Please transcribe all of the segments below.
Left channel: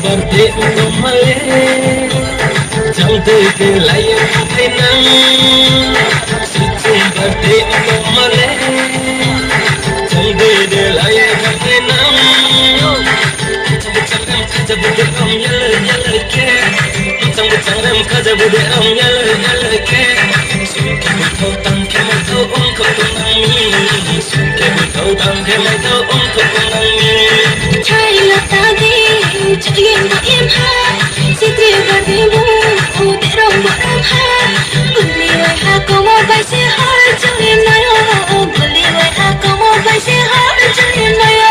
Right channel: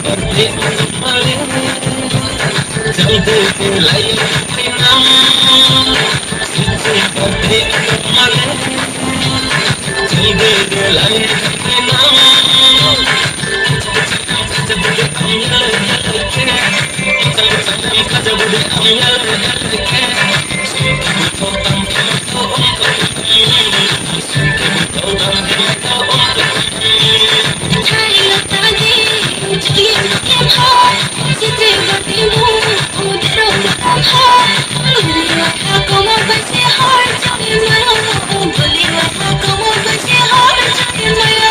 Birthday untuk Male, cantik ke layar tenang. Sweet birthday untuk Male, cantik ke layar tenang. Cabut am yalla ke, cabut kaja bude am yalla ke. Sweet ko tam kala ko ko sweet ko tam kala ko Sitri berdimu, udah ramah. Beli wajah kamu bersih harjanya naya. Beli wajah kamu bersih harjanya naya.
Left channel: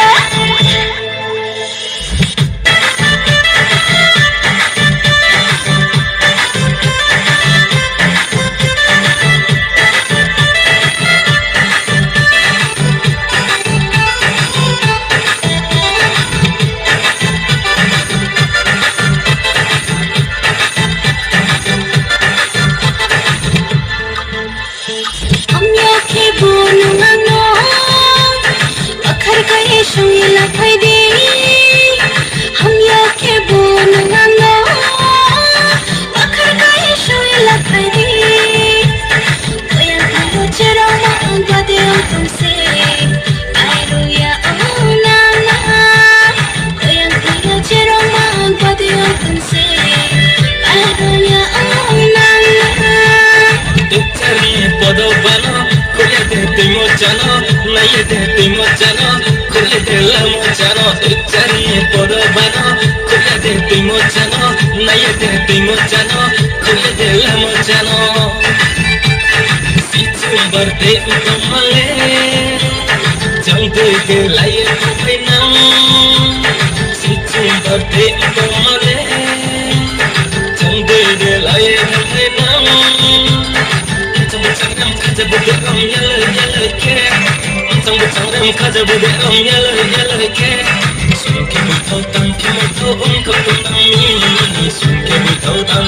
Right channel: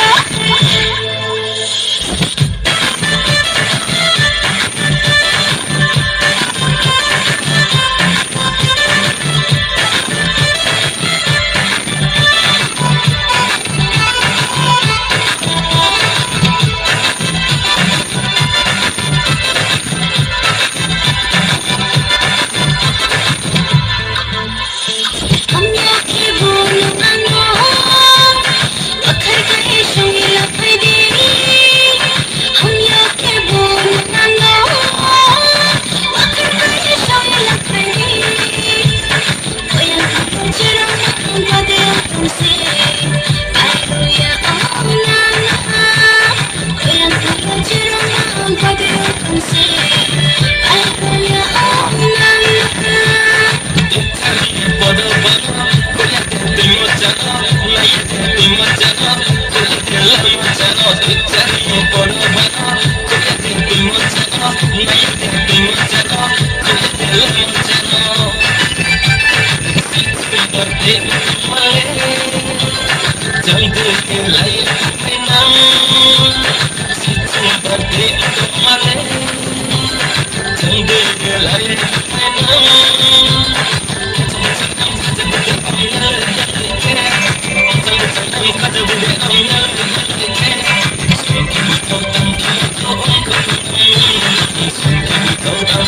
Kaja bude am yalla ke. Sweet ko tam kala ko Sweet ko tam